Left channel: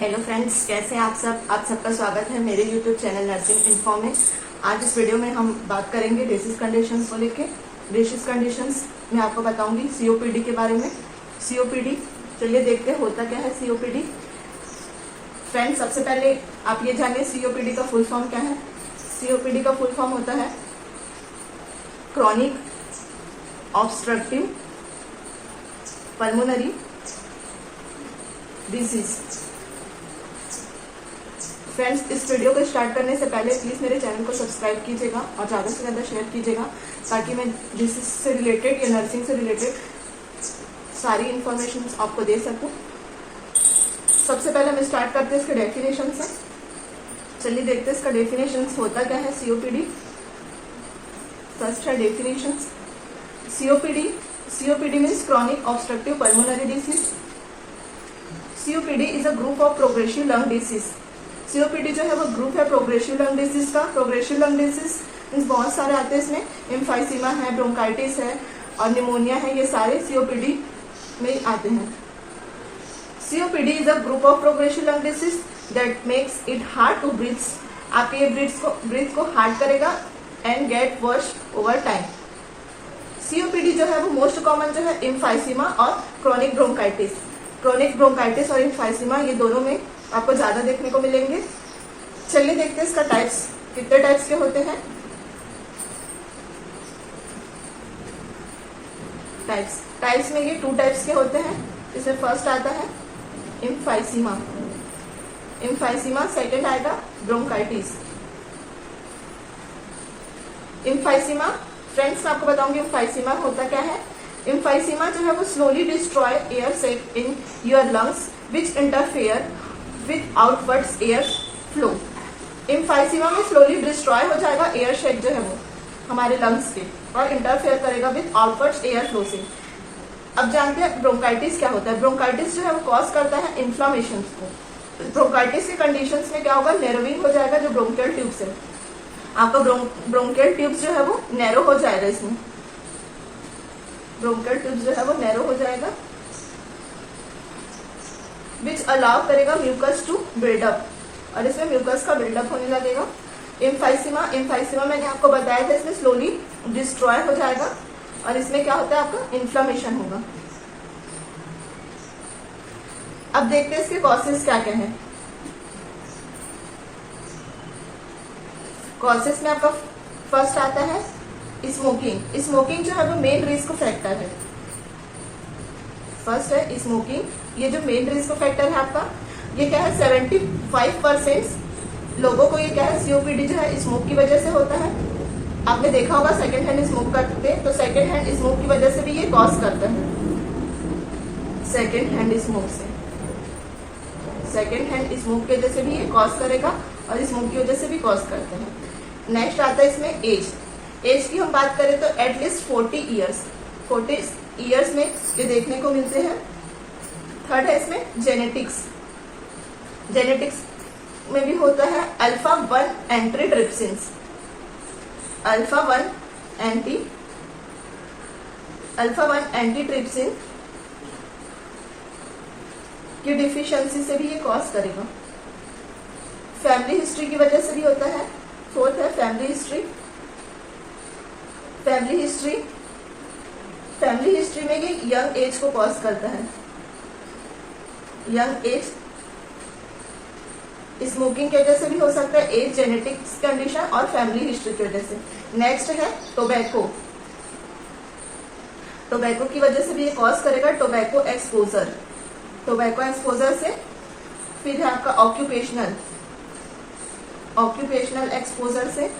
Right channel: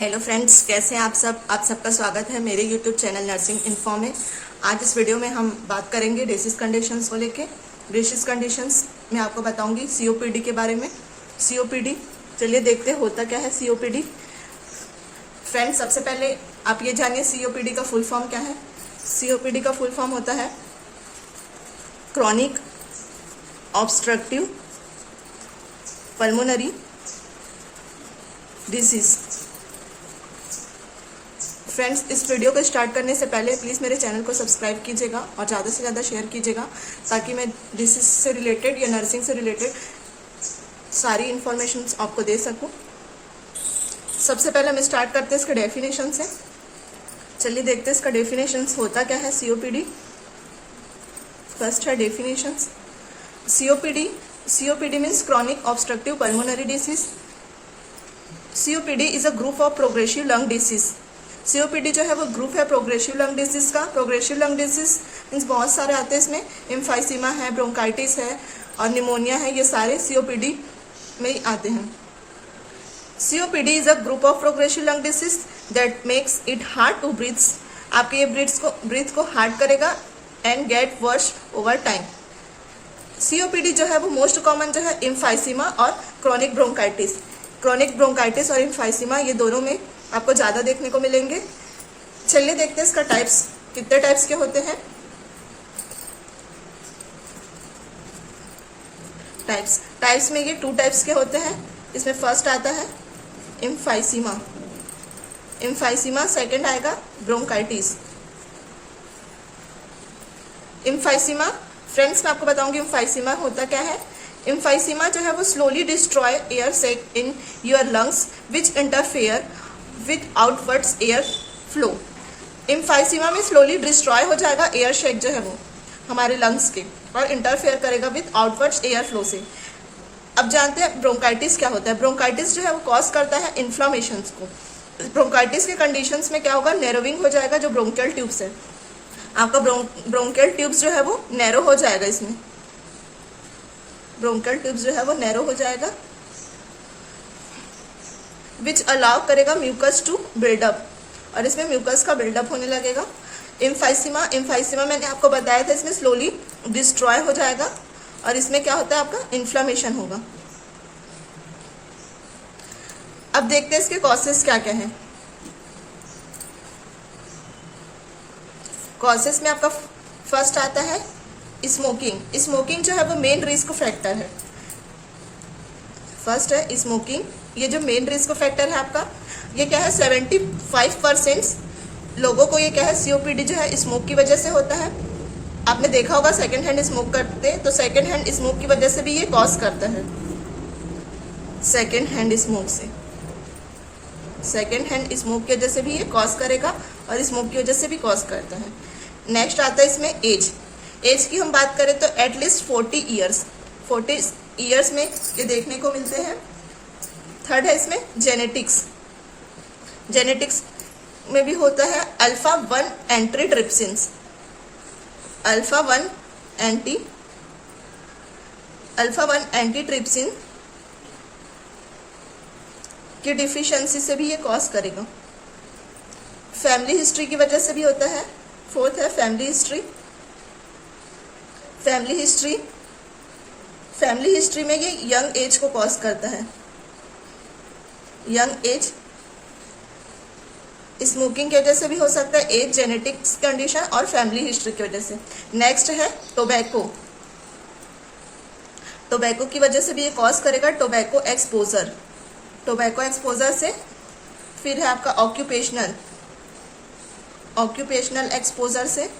Hello friends, कैसे हैं आप सब। आप सबका स्वागत है मेरे यूट्यूब चैनल नर्सिंग इन्फो में। आज इस वीडियो में हम बात करेंगे डिसीज कंडीशंस को लेके। डिसीज कंडीशंस में आपको बताऊंगी सीओपीडी के बारे में। सीओपीडी, चलिए देखते हैं होता क्या है सीओपीडी। फ्रेंड्स, सबसे पहले आप ये जानिए सीओपीडी का फुल फॉर्म क्या है। सीओपीडी का फुल फॉर्म होता है chronic obstructive pulmonary disease. Friends, इस वीडियो को स्टार्ट करने से पहले प्लीज़ मेरे चैनल को सब्सक्राइब कीजिएगा और ज़्यादा से ज़्यादा शेयर कीजिएगा ताकि मैं डिसीज से रिलेटेड या नर्सिंग से रिलेटेड सारी इन्फॉर्मेशन आपको दे सकूं। सबसे पहले हम स्टार्ट करते हैं इसके डेफिनेशन से। चलिए देखते हैं इसका डेफिनेशन होता क्या है सीओपीडी। फर्स्ट है definition. COPD means chronic obstructive pulmonary disease. COPD is a group of progressive lung disease. COPD जो है वो ग्रुप है प्रोग्रेसिव लंग डिसीज का। प्रोग्रेसिव लंग डिसीज मीन्स बहुत सारे आते हैं इसमें। एम्फाइसीमा है, ब्रोंकाइटिस है और निमोनिया है, ये सारे सीओपीडी में ही आते हैं। COPD is a group of progressive lung disease that makes it hard to breathe. आपके ये ब्रीथ को हार्ड करेगा and get worse over time. COPD जो है वो मोस्ट कॉमन जो है एम्फाइसीमा और क्रॉनिक ब्रोंकाइटिस। क्रॉनिक ब्रोंकाइटिस और एम्फाइसीमा ये दोनों में आपको ज्यादा देखने को मिलेंगे। चलिए देखते हैं इसका टाइप्स, कितने टाइप्स के होते हैं। टाइप्स में ये 2 टाइप्स के होते हैं। इसमें फर्स्ट आता है एम्फाइसीमा, सेकंड आएगा ब्रोंकाइटिस। एम्फाइसीमा, फ्रेंड्स मैं आपको बताऊंगी एम्फाइसीमा होता क्या है। एम्फाइसीमा जो है वो slowly destroy air sac in your lungs which interfere with outwards air flow. Emphysema में स्लोली डिस्ट्रॉय हो जाएगा एयर शेक जो है वो हमारे लंग्स के, और इंटरफेयर करेगा विद आउटवर्ड्स एयर फ्लो से। अब जानते हैं ब्रोंकाइटिस क्या होता है। ब्रोंकाइटिस जो है वो कॉज करता है इन्फ्लामेशन को। ब्रोंकाइटिस के कंडीशंस में क्या होगा, नैरोविंग हो जाएगा जो ब्रोंकियल ट्यूब्स है। आपका ब्रोंकियल ट्यूब्स जो है वो नैरो हो जाएगा। इसमें ब्रोंकियल ट्यूब्स जो है वो नैरो हो जाएगा विच अलाउ करेगा म्यूकस टू बिल्डअप, और इसमें म्यूकस का बिल्डअप होने लगेगा। एम्फाइसीमा मैंने आपको बताया था इसमें स्लोली डिस्ट्रॉय हो जाएगा और इसमें क्या होता है आपका इन्फ्लामेशन होगा। अब देखते हैं इसके कॉजेस क्या क्या है। कॉजेस में आपका फर्स्ट आता है स्मोकिंग। स्मोकिंग जो है वो मेन रिस्क फैक्टर है। फर्स्ट है स्मोकिंग, ये जो मेन रिस्क फैक्टर है आपका, ये क्या है 75% लोगों को ये क्या है सीओपीडी जो है स्मोक की वजह से होता है। आपने देखा होगा सेकंड हैंड स्मोक करते, तो सेकंड हैंड स्मोक की वजह से भी ये कॉज करता है। सेकंड हैंड स्मोक की वजह से भी ये कॉज करेगा और स्मोक की वजह से भी कॉज करता है। नेक्स्ट आता है इसमें एज की हम बात करें तो एटलीस्ट 40 ईयर्स में ये देखने को मिलते हैं। थर्ड है इसमें जेनेटिक्स में भी होता है अल्फा-1 एंटीट्रिप्सिन्स। अल्फा-1 एंटीट्रिप्सिन की डिफिशियंसी से भी ये कॉज करेगा। फैमिली हिस्ट्री की वजह से भी होता है। फोर्थ है फैमिली हिस्ट्री में ये यंग एज को कॉज करता है। यंग एज स्मोकिंग की वजह से भी हो सकता है, एज, जेनेटिक्स कंडीशन और फैमिली हिस्ट्री की वजह से। नेक्स्ट है टोबैको की वजह से भी ये कॉज करेगा। टोबैको एक्सपोजर से। फिर है आपका ऑक्यूपेशनल एक्सपोजर से।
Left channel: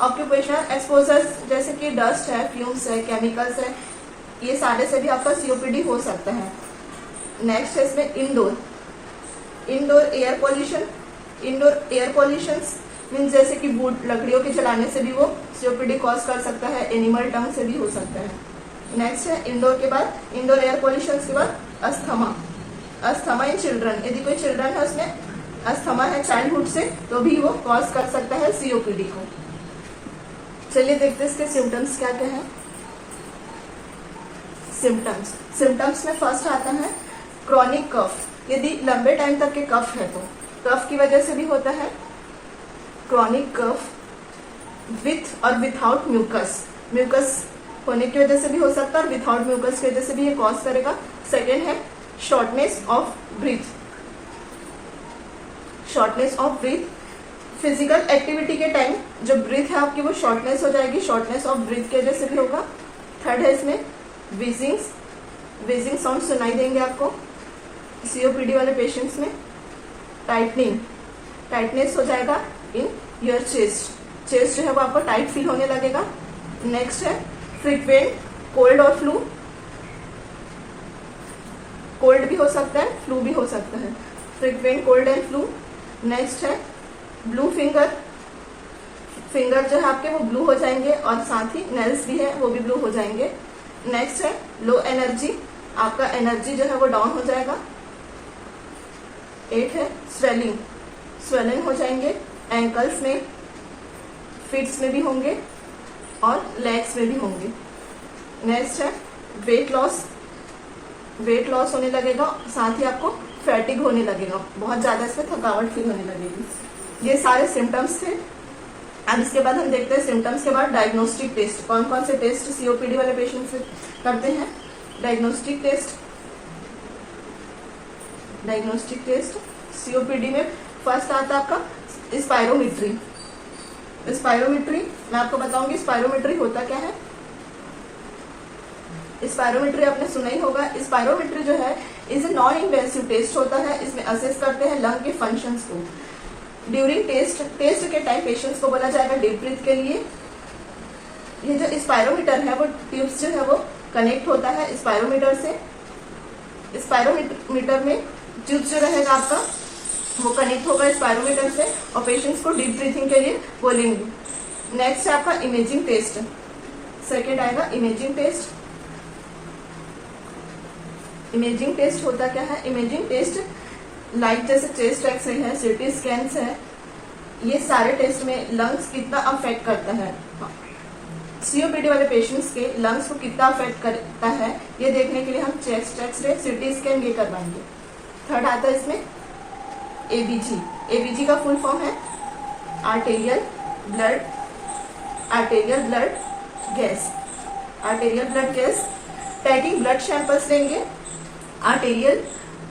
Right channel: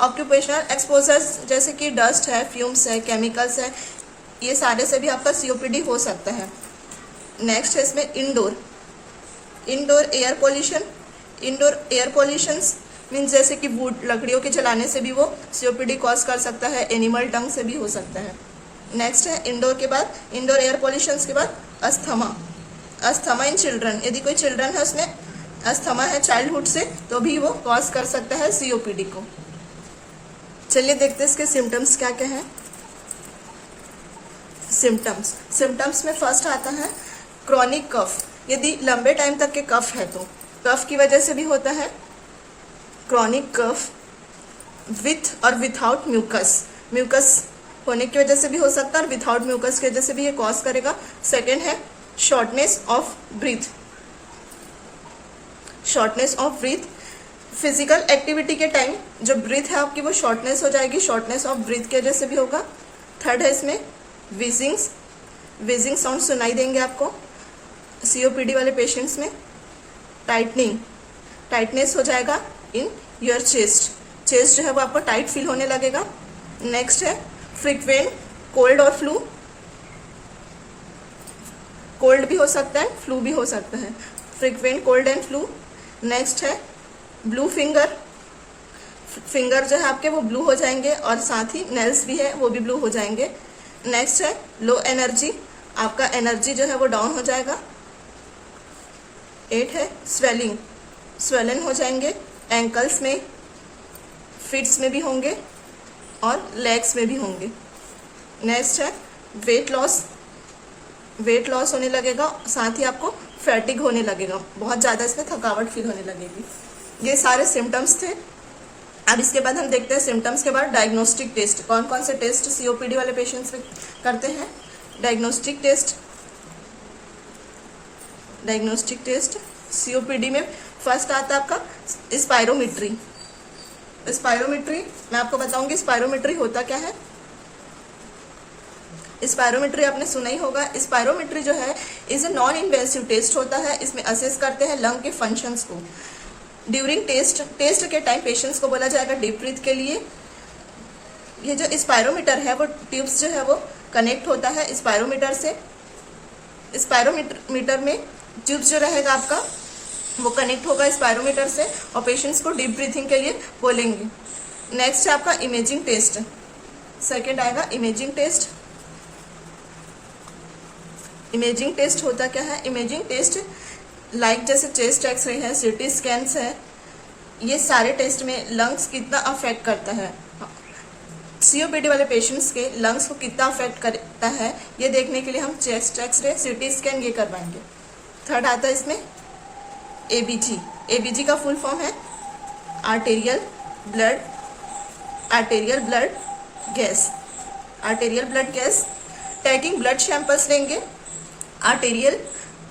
ऑक्यूपेशनल एक्सपोजर जैसे कि डस्ट है, फ्यूम्स है, केमिकल्स है, ये सारे से भी आपका सीओपीडी हो सकता है। नेक्स्ट है इसमें इंडोर एयर पॉल्यूशन मीन्स जैसे कि वुड, लकड़ियों के जलाने से भी वो सीओपीडी कॉज कर सकता है। एनिमल टंग से भी हो सकता है। नेक्स्ट है इंडोर एयर पॉल्यूशन के बाद अस्थमा इन चिल्ड्रन। यदि कोई चिल्ड्रन है उसमें अस्थमा है चाइल्डहुड से, तो भी वो कॉज कर सकता है सीओपीडी को। चलिए देखते हैं इसके सिम्टम्स क्या क्या है। सिम्टम्स में फर्स्ट आता है क्रॉनिक कफ। यदि लंबे टाइम तक के कफ है तो कफ की वजह से भी होता है, क्रॉनिक कफ विथ और विथआउट म्यूकस, म्यूकस होने की वजह से भी हो सकता है और विथआउट म्यूकस की वजह से भी ये कॉज करेगा। सेकेंड है shortness of breath, shortness of breath, physical activity के टाइम जो ब्रीथ है आपकी वो शॉर्टनेस हो जाएगी, शॉर्टनेस ऑफ ब्रीथ की वजह से भी होगा। थर्ड है इसमें विजिंग्स, विजिंग साउंड सुनाई देंगे आपको सीओपीडी वाले पेशेंट्स में। टाइटनिंग, टाइटनेस हो जाएगा इन योर चेस्ट, चेस्ट जो है वो आपको टाइट फील होने लगेगा। नेक्स्ट है फ्रीक्वेंट कोल्ड और फ्लू, कोल्ड भी हो सकता है, फ्लू भी हो सकता है, frequent cold and flu. Next है ब्लू फिंगर, फिंगर जो है आपके वो ब्लू हो जाएंगे और साथ ही नेल्स भी है वो भी ब्लू हो जाएंगे। नेक्स्ट है लो एनर्जी, आपका एनर्जी जो है वो डाउन हो जाएगा। 8 है स्वेलिंग, स्वेलिंग हो जाएंगे, एंकल्स में, फिट्स में भी होंगे और लेग्स में भी होंगे। नेक्स्ट है वेट लॉस, वेट लॉस होने लगेगा, साथ ही आपको फैटिग होने लगेगा, बहुत ज़्यादा इसमें थकावट फील होने लगेगी। ये सारे सिम्टम्स थे। अब इसके बाद हम देखते हैं सिम्टम्स के बाद डायग्नोस्टिक टेस्ट, कौन कौन से टेस्ट सीओपीडी वाले पेशेंट्स में करते हैं। Diagnostic test, diagnostic test COPD में फर्स्ट आता है आपका स्पायरोमेट्री। स्पायरोमेट्री मैं आपको बताऊंगी स्पायरोमेट्री होता क्या है। स्पायरोमेट्री आपने सुना ही होगा। स्पायरोमेट्री जो है is a non invasive test होता है, इसमें असेस करते हैं लंग के फंक्शंस को। ड्यूरिंग टेस्ट के टाइम पेशेंट्स को बोला जाएगा डीप ब्रीथ के लिए। ये जो स्पायरोमीटर है वो ट्यूब्स जो है वो कनेक्ट होता है स्पायरोमीटर से। स्पायरोमीटर में ट्यूब्स जो रहेगा आपका वो कनेक्ट होगा स्पायरोमीटर से और पेशेंट्स को डीप ब्रीथिंग के लिए बोलेंगे। नेक्स्ट है आपका इमेजिंग टेस्ट, सेकेंड आएगा इमेजिंग टेस्ट। इमेजिंग टेस्ट होता क्या है। इमेजिंग टेस्ट लाइक जैसे चेस्ट एक्सरे है, सीटी स्कैन्स है, ये सारे टेस्ट में लंग्स कितना अफेक्ट करता है, सीओपीडी वाले पेशेंट्स के लंग्स को कितना अफेक्ट करता है ये देखने के लिए हम चेस्ट एक्सरे, सीटी स्कैन ये करवाएंगे। थर्ड आता है इसमें एबीजी। एबीजी का फुल फॉर्म है arterial blood gas, arterial blood gas. Taking blood samples लेंगे, आर्टेरियल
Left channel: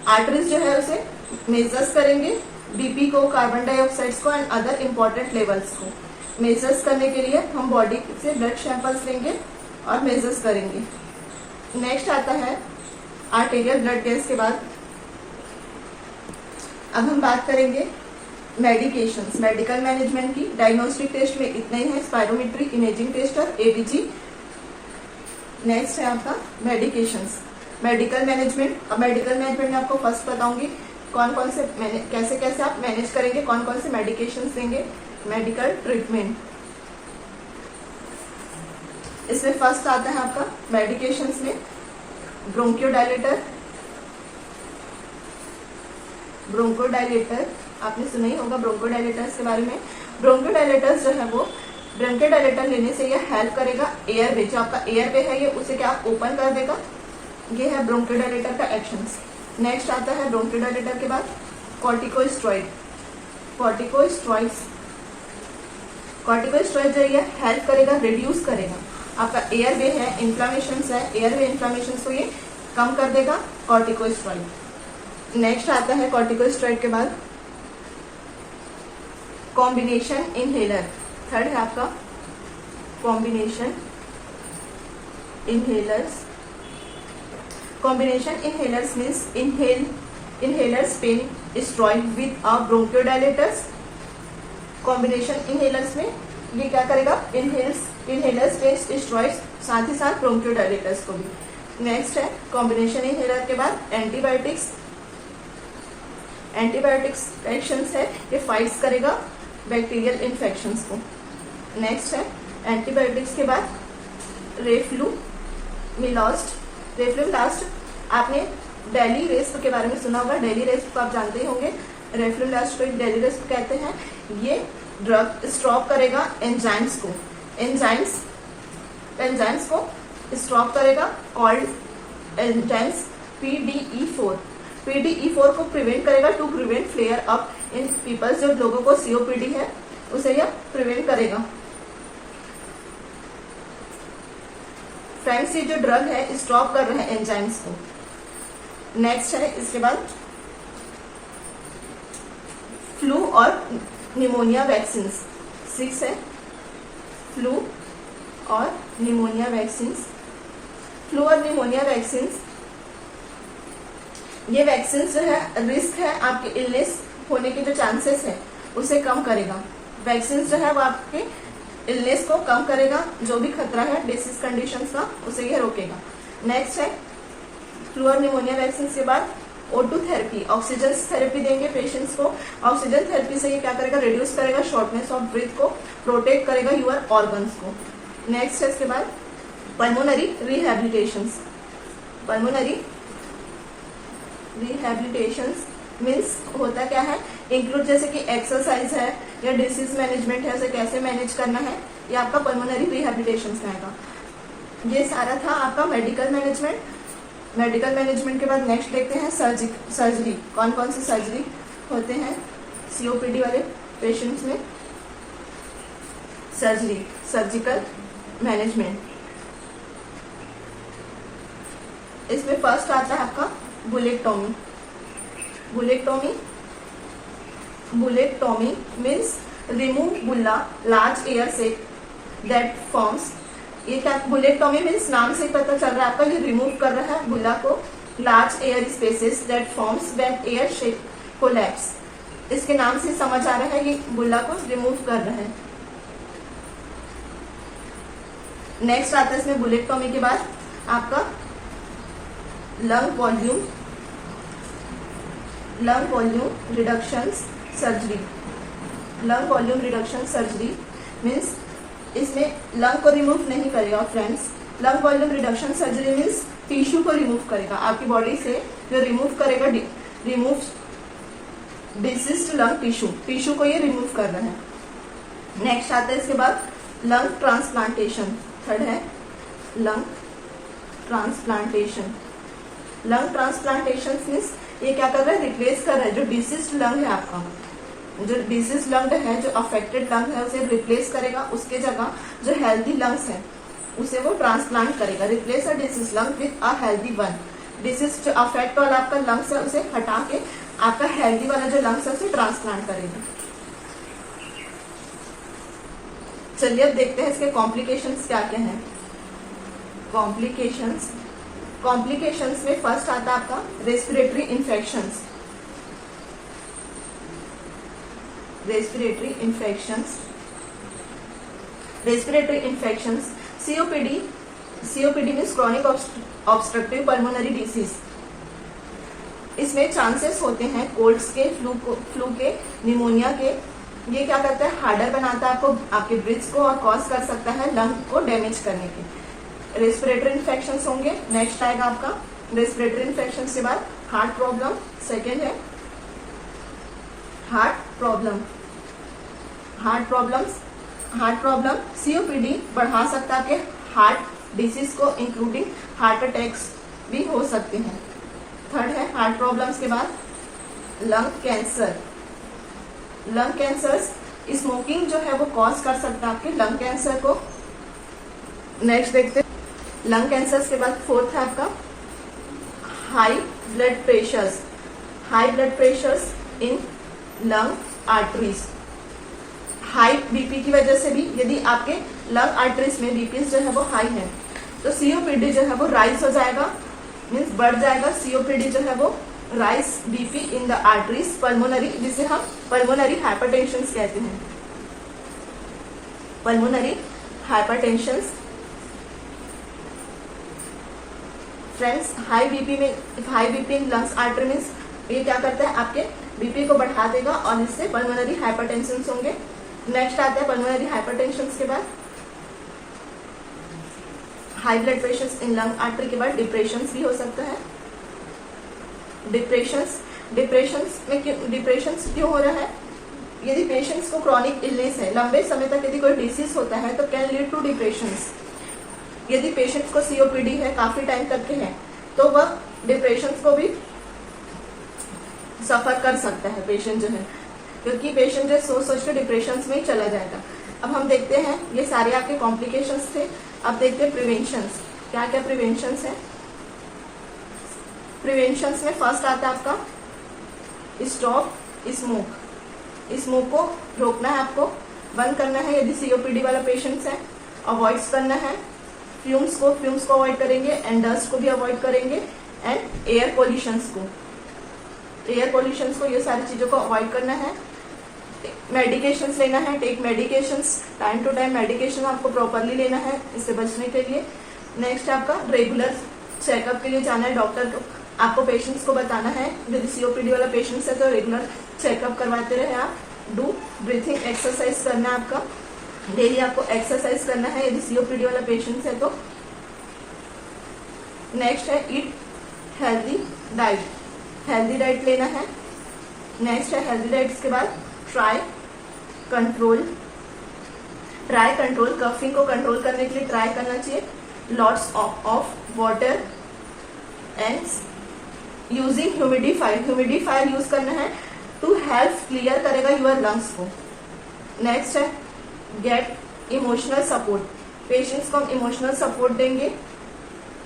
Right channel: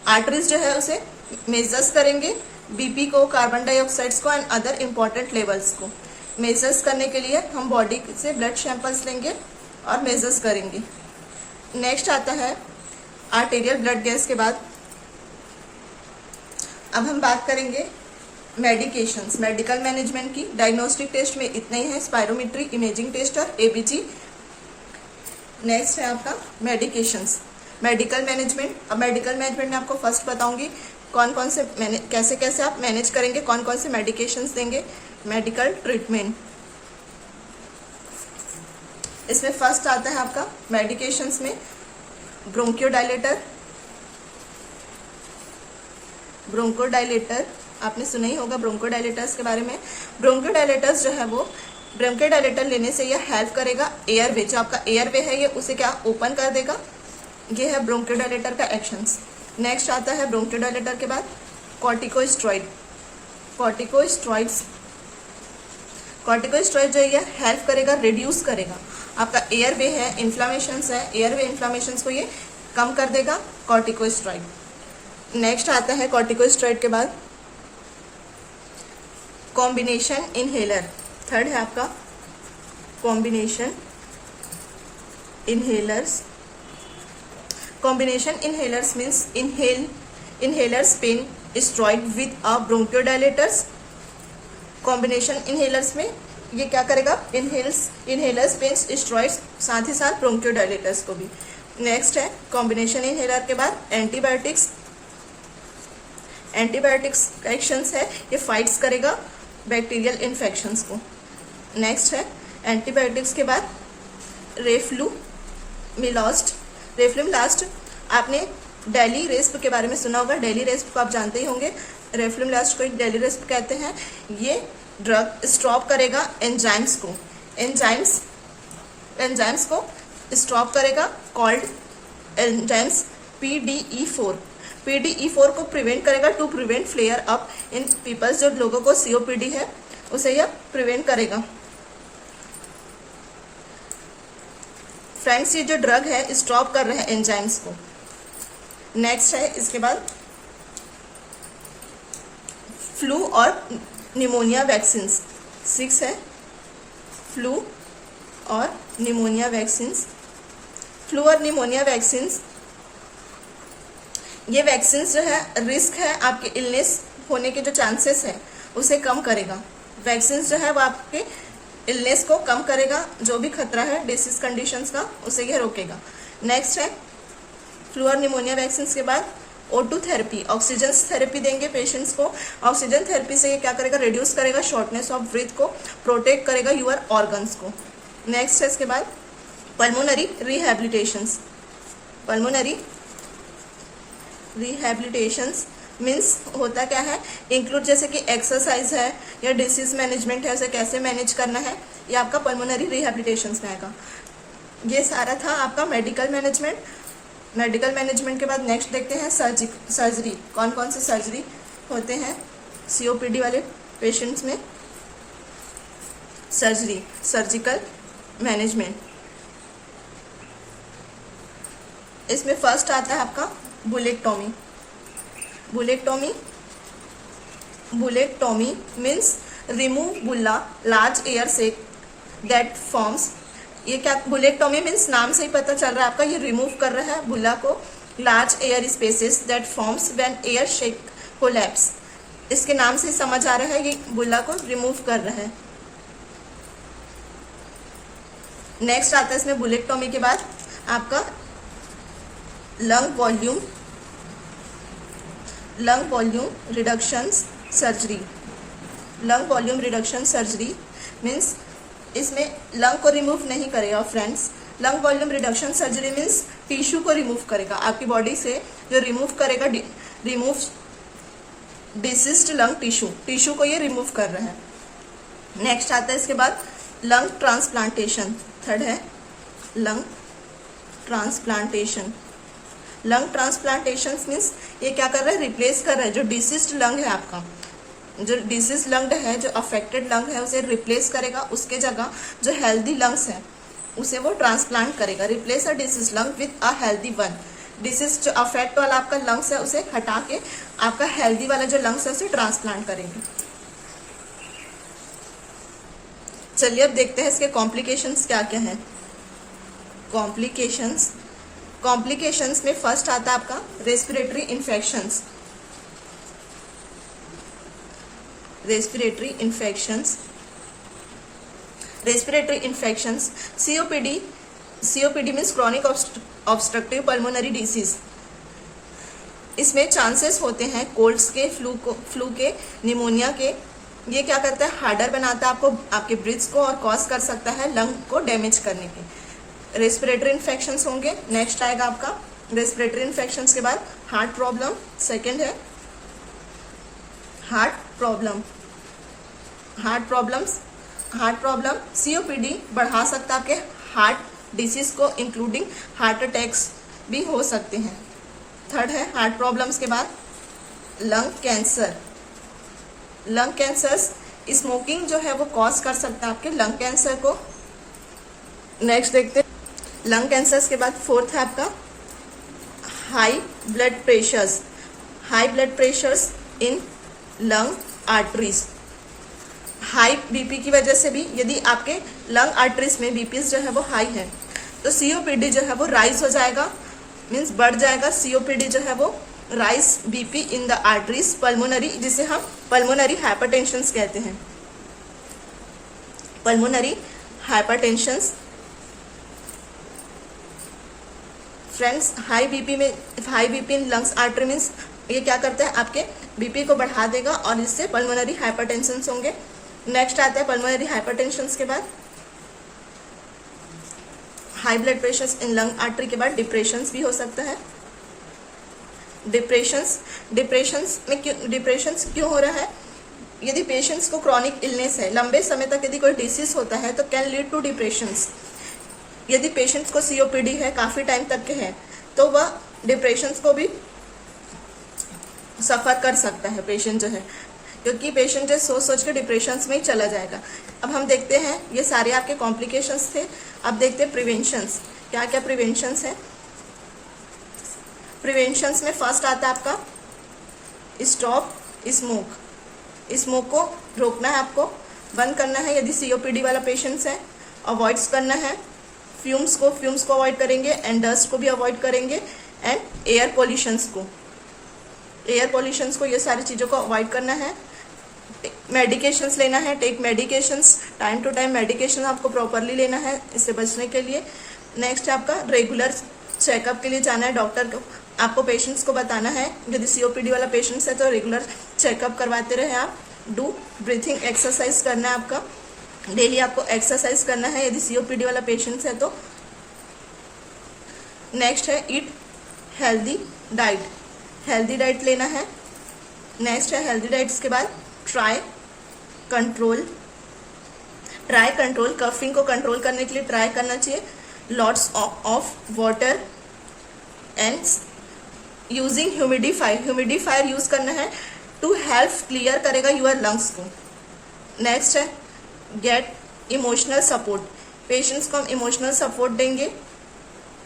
आर्टरीज जो है उसे मेजर्स करेंगे, बीपी को, कार्बन डाइऑक्साइड्स को एंड अदर इम्पोर्टेंट लेवल्स को मेजर्स करने के लिए हम बॉडी से ब्लड सैंपल्स लेंगे और मेजर्स करेंगे। नेक्स्ट आता है आर्टेरियल ब्लड गैस के बाद अब हम बात करेंगे मेडिकेशंस, मेडिकल मैनेजमेंट की। डायग्नोस्टिक टेस्ट में इतने ही है, स्पायरोमेट्री, इमेजिंग टेस्ट और एबीजी। नेक्स्ट है आपका मेडिकेशंस, मेडिकल मैनेजमेंट। अब मेडिकल मैनेजमेंट में आपको फर्स्ट बताऊंगी कौन कौन से कैसे कैसे आप मैनेज करेंगे, कौन कौन से मेडिकेशंस देंगे। मेडिकल ट्रीटमेंट, इसमें फर्स्ट आता है आपका मेडिकेशंस में ब्रोंकियोडायलेटर। ब्रोंकोडायलेटर आपने सुना ही होगा ब्रोंकोडायलेटर्स के बारे में। ब्रोंकोडायलेटर्स जो है वो ब्रोंकोडायलेटर लेने से ये हेल्प करेगा एयरवे, जो आपका एयरवे है ये उसे क्या ओपन कर देगा। ये है ब्रोंकोडायलेटर का एक्शंस। नेक्स्ट आता है ब्रोंकोडायलेटर के बाद कॉर्टिकोस्टेरॉइड। कॉर्टिकोस्टेरॉइड जो है हेल्प करेगा, रिड्यूस करेगा आपका एयरवे है, इन्फ्लामेशंस है, एयरवे इन्फ्लामेशंस को ये कम कर देगा कॉर्टिकोस्टेरॉइड। नेक्स्ट आता है कॉर्टिकोस्टेरॉइड के बाद कॉम्बिनेशन इनहेलर। थर्ड है आपका combination inhalers. Combination inhalers means inhalers pain steroid with a bronchodilators। Combination inhalers में ये क्या करेगा, इनहेलर्स पेन स्टेरॉइड्स साथ ही साथ ब्रोंकियोडायलेटर्स को भी। नेक्स्ट है कॉम्बिनेशन इनहेलर के बाद एंटीबायोटिक्स। एंटीबायोटिक्स एक्शंस है ये फाइट्स करेगा बैक्टीरियल इन्फेक्शंस को। नेक्स्ट है एंटीबायोटिक्स के बाद रेफ्लुमिलास्ट। रेफ्लुमिलास्ट आपने डेली रेस्प के बारे में सुना होगा, डेली रेस्प को आप जानते ही होंगे। रेफ्लुमिलास्ट को डेली रेस्प कहते हैं। ये ड्रग स्टॉप करेगा एंजाइम्स को, एंजाइम्स को स्टॉप करेगा, कॉल्ड एंजाइम्स PDE4। PDE4 को प्रिवेंट करेगा to prevent flare up in peoples, जो लोगों को COPD है उसे यह प्रिवेंट करेगा। फ्रेंड्स, ये जो ड्रग है स्टॉप कर रहे हैं एंजाइम्स को। नेक्स्ट है इसके बाद फ्लू और निमोनिया वैक्सीन। 6 है फ्लू और निमोनिया वैक्सीन। फ्लू और निमोनिया वैक्सीन, ये वैक्सीन जो है रिस्क है आपके इलनेस होने के जो चांसेस है उसे कम करेगा। वैक्सीन जो है वो आपके इलनेस को कम करेगा, जो भी खतरा है डिसीज कंडीशंस का उसे यह रोकेगा। नेक्स्ट है फ्लू और निमोनिया वैक्सीन के बाद O2 थेरेपी, ऑक्सीजन थेरेपी देंगे पेशेंट्स को। ऑक्सीजन थेरेपी से ये क्या करेगा, रिड्यूस करेगा शॉर्टनेस ऑफ ब्रीथ को, प्रोटेक्ट करेगा यूर ऑर्गन्स को। नेक्स्ट है इसके बाद pulmonary rehabilitations. Pulmonary rehabilitations means होता क्या है, इंक्लूड जैसे कि एक्सरसाइज है या डिसीज मैनेजमेंट है, उसे कैसे मैनेज करना है, ये आपका पल्मोनरी रिहैबिलिटेशंस में आएगा। ये सारा था आपका मेडिकल मैनेजमेंट। मेडिकल मैनेजमेंट के बाद नेक्स्ट देखते हैं सर्जरी। कौन कौन से सर्जरी होते हैं COPD वाले पेशेंट्स में। सर्जरी, सर्जिकल मैनेजमेंट, इसमें फर्स्ट आता है आपका bullectomy. Bullectomy means remove bulla large air sac that forms. ये क्या, बुलेक्टोमी मीन्स नाम से ही पता चल रहा है आपका, ये रिमूव कर रहा है बुल्ला को large air spaces that forms when air shake collapse. इसके नाम से समझ आ रहा है ये बुल्ला को रिमूव कर रहा है। नेक्स्ट आता है इसमें बुलेक्टोमी के बाद आपका lung volume reduction surgery. Lung volume reduction surgery means इसमें लंग को रिमूव नहीं करेगा friends. Lung volume reduction surgery means tissue को रिमूव करेगा आपकी बॉडी से, जो रिमूव करेगा रिमूव डिसीज्ड लंग टिश्यू को ये रिमूव कर रहा है। नेक्स्ट आता है इसके बाद लंग ट्रांसप्लांटेशन। थर्ड है lung transplantation. Lung transplantation means ये क्या कर रहा है, रिप्लेस कर रहा है जो डिसीज्ड लंग है आपका, जो डिसीज लंग है, जो अफेक्टेड लंग है उसे रिप्लेस करेगा, उसके जगह जो हेल्दी लंग्स है उसे वो ट्रांसप्लांट करेगा। Replace a disease lung with a healthy one. Disease जो अफेक्ट वाला आपका लंग्स है उसे हटा के आपका हेल्दी वाला जो लंग्स है उसे ट्रांसप्लांट करेगा। चलिए अब देखते हैं इसके कॉम्प्लिकेशंस क्या क्या हैं। कॉम्प्लिकेशंस में फर्स्ट आता है आपका respiratory infections. Respiratory infections COPD means chronic obstructive pulmonary disease. इसमें चांसेस होते हैं कोल्ड्स के, फ्लू के, निमोनिया के। ये क्या करता है, हार्डर बनाता है आपको, आपके ब्रिथ्स को, और कॉज कर सकता है लंग को डैमेज करने के। रेस्पिरेटरी इन्फेक्शंस होंगे। नेक्स्ट आएगा आपका रेस्पिरेटरी इन्फेक्शंस के बाद हार्ट प्रॉब्लम। सेकेंड है हार्ट प्रॉब्लम COPD बढ़ा सकता है आपके हार्ट डिसीज को, इंक्लूडिंग हार्ट अटैक्स भी हो सकते हैं। थर्ड है हार्ट प्रॉब्लम्स के बाद लंग कैंसर। स्मोकिंग जो है वो कॉज कर सकता है आपके लंग कैंसर को। नेक्स्ट देखते हैं लंग कैंसर के बाद फोर्थ है आपका हाई ब्लड प्रेशर्स इन लंग आर्टरीज। हाई बीपी की वजह से भी यदि आपके लंग आर्टरीज में बीपी जो है वो हाई है तो COPD जो है वो राइज हो जाएगा, मीन्स बढ़ जाएगा। COPD जो है वो rise BP in the arteries pulmonary, जिसे हम पल्मोनरी हाइपरटेंशन कहते हैं। Pulmonary hypertension friends, high BP in lungs artery means ये क्या करता है, आपके बीपी को बढ़ा देगा और इससे पल्मोनरी हाइपरटेंशन होंगे। नेक्स्ट आते हैं पल्मोनरी हाइपरटेंशन के बाद high blood pressure in lung artery के बाद डिप्रेशन भी हो सकता है। डिप्रेशन क्यों हो रहा है? यदि पेशेंट्स को क्रॉनिक इलनेस है, लंबे समय तक यदि कोई डिसीज होता है तो कैन लीड टू डिप्रेशंस। यदि पेशेंट्स को COPD है, काफी टाइम तक के है, तो वह डिप्रेशंस को भी सफ़र कर सकता है पेशेंट जो है, क्योंकि पेशेंट जो सोच सोच के डिप्रेशन में ही चला जाएगा। अब हम देखते हैं, ये सारे आपके कॉम्प्लिकेशंस थे। अब देखते हैं प्रिवेंशंस, क्या क्या प्रिवेंशंस है। प्रिवेंशंस में फर्स्ट आता है आपका स्टॉप स्मोक। स्मोक को रोकना है, आपको बंद करना है यदि COPD वाला पेशेंट्स है। अवॉइड्स करना है फ्यूम्स को अवॉइड करेंगे, एंड डस्ट को भी अवॉइड करेंगे, एंड एयर पोल्यूशंस को ये सारी चीज़ों को अवॉइड करना है। मेडिकेशंस लेना है, take medications, time to time medication आपको प्रॉपरली लेना है इससे बचने के लिए। नेक्स्ट है आपका रेगुलर चेकअप के लिए जाना है डॉक्टर को, आपको पेशेंट्स को बताना है। यदि COPD वाला पेशेंट्स है तो रेगुलर चेकअप करवाते रहे आप। डू ब्रीथिंग एक्सरसाइज करना है आपका, डेली आपको एक्सरसाइज करना है यदि COPD वाला पेशेंट्स है तो। नेक्स्ट है ईट हेल्दी डाइट लेना है। नेक्स्ट है हेल्दी डाइट्स के बाद ट्राई कंट्रोल कफिंग को कंट्रोल करने के लिए ट्राई करना चाहिए। Lots of water and using humidifier use करना है टू हेल्प क्लियर करेगा यूर लंग्स को। नेक्स्ट है गेट इमोशनल सपोर्ट, पेशेंट्स को हम इमोशनल सपोर्ट देंगे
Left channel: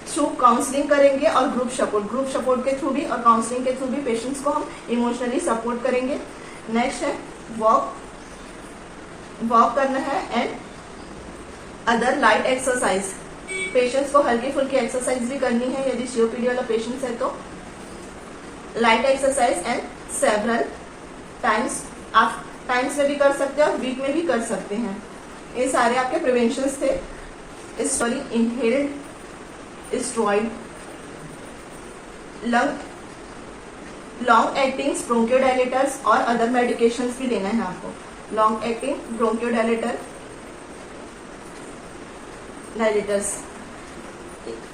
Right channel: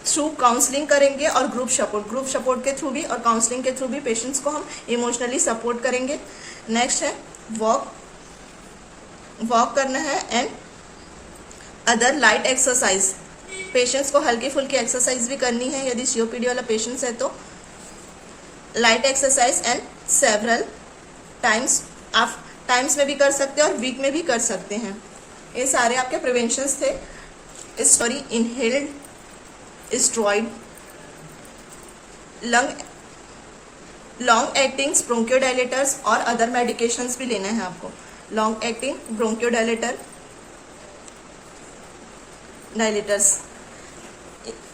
थ्रू काउंसलिंग करेंगे और ग्रुप सपोर्ट के थ्रू भी और काउंसलिंग के थ्रू भी पेशेंट्स को हम इमोशनली सपोर्ट करेंगे। नेक्स्ट है वॉक करना है and other light exercise, patients को हल्की फुल्की एक्सरसाइज भी करनी है यदि COPD वाला पेशेंट्स है तो। Light exercise and several times में भी कर सकते हैं और वीक में भी कर सकते हैं। ये सारे आपके प्रिवेंशंस थे। इनहेल्ड स्टेरॉइड, लॉन्ग एक्टिंग ब्रोंकियोडायलेटर्स और अदर मेडिकेशंस भी लेना है आपको। लॉन्ग एक्टिंग ब्रोंकियोडायलेटर्स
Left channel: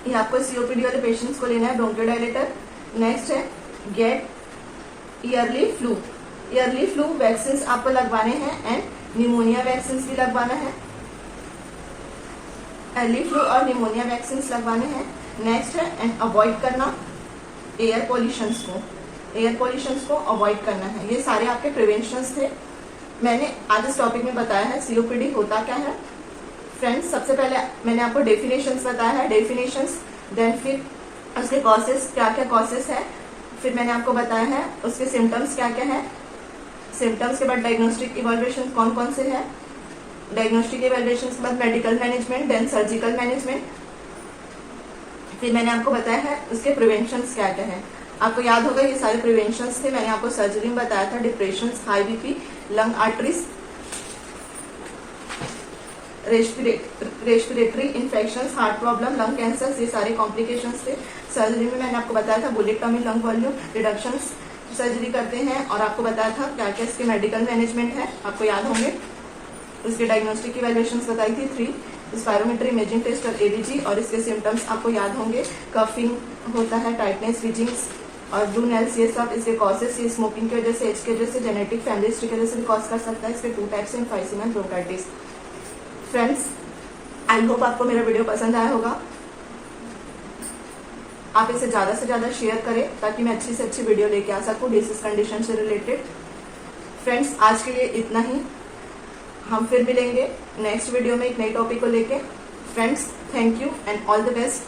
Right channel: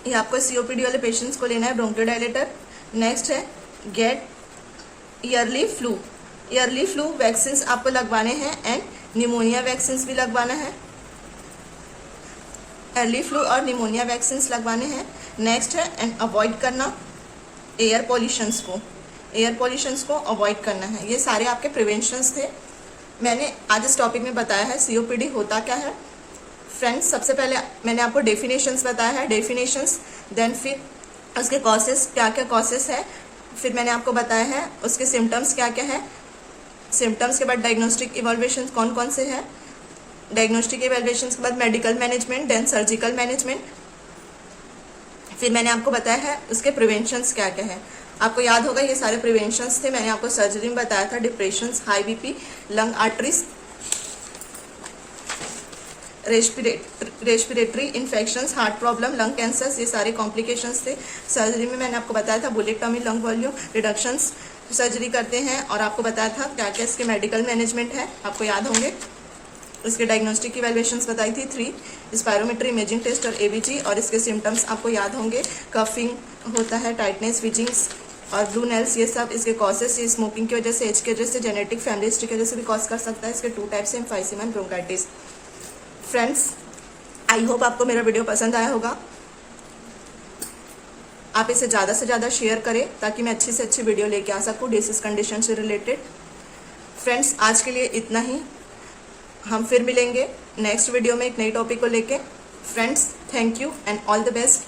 ये आपको COPD वाले पेशेंट्स को लेना है, ब्रोंकियोडायलेटर। नेक्स्ट है गेट ईयरली फ्लू वैक्सीन आपको लगवाने हैं एंड निमोनिया वैक्सीन भी लगवाना है, अर्ली फ्लू और निमोनिया वैक्सीन लगवाने हैं। नेक्स्ट है एंड अवॉइड करना एयर पोल्यूशंस को अवॉइड करना है। ये सारे आपके प्रिवेंशंस थे। मैंने आज इस टॉपिक में बताया है COPD होता क्या है। फ्रेंड्स, सबसे पहले मैंने आपको डेफिनेशंस बताया है, देन फिर उसके कॉसेस, क्या क्या कॉसेस है, फिर मैंने आपको बताया है उसके सिम्टम्स क्या क्या है। सिम्टम्स के बाद डायग्नोस्टिक इवैल्यूएशन कौन कौन से हैं, डायग्नोस्टिक इवैल्यूएशन के बाद medical management, then surgical management, फिर मैंने आपको बताया है उसके प्रिवेंशंस क्या क्या है। आपको याद होगा ये सारे प्रिवेंशंस थे। मैंने आपको सर्जरी में बताया था depression, high BP, lung arteries, respiratory infections, heart problem, lung cancer, ये सारे कॉम्प्लिकेशंस थे। सर्जरी में मैंने आपको बताया था बुलेक्टॉमी, लंग वॉल्यूम रिडक्शंस सर्जरी करते हैं, और आपको बताया था क्या क्या इसके मेडिकल मैनेजमेंट है, आपको याद होंगे। इसके डायग्नोस्टिक इवैल्यूएशंस बताई थी 3, स्पायरोमीट्री, इमेजिंग टेस्ट और ABG, और इसके सिम्टम्स आपको याद होंगे। कफिंग होता है, टाइटनेस, विजिंग्स और ब्लू नेल्स, ये सब इसके कॉजेस, ये स्मोकिंग की वजह से, एज की वजह से, जेनेटिक फैमिली हिस्ट्री की वजह से भी कॉज कर सकता है। इसके 2 टाइप्स हैं, emphysema and bronchitis. Friends, I hope आपको मेरा वीडियो पसंद आया होगा। आप इसे ज़्यादा से ज़्यादा शेयर करें ताकि मैं अच्छी से अच्छी वीडियो लेके आ सकूँ डिसीज कंडीशन से रिलेटेड। फ्रेंड्स, आज के लिए इतना ही। हम फिर मिलेंगे नेक्स्ट वीडियो में एक नए टॉपिक को लेके। Friends, thank you and all the best.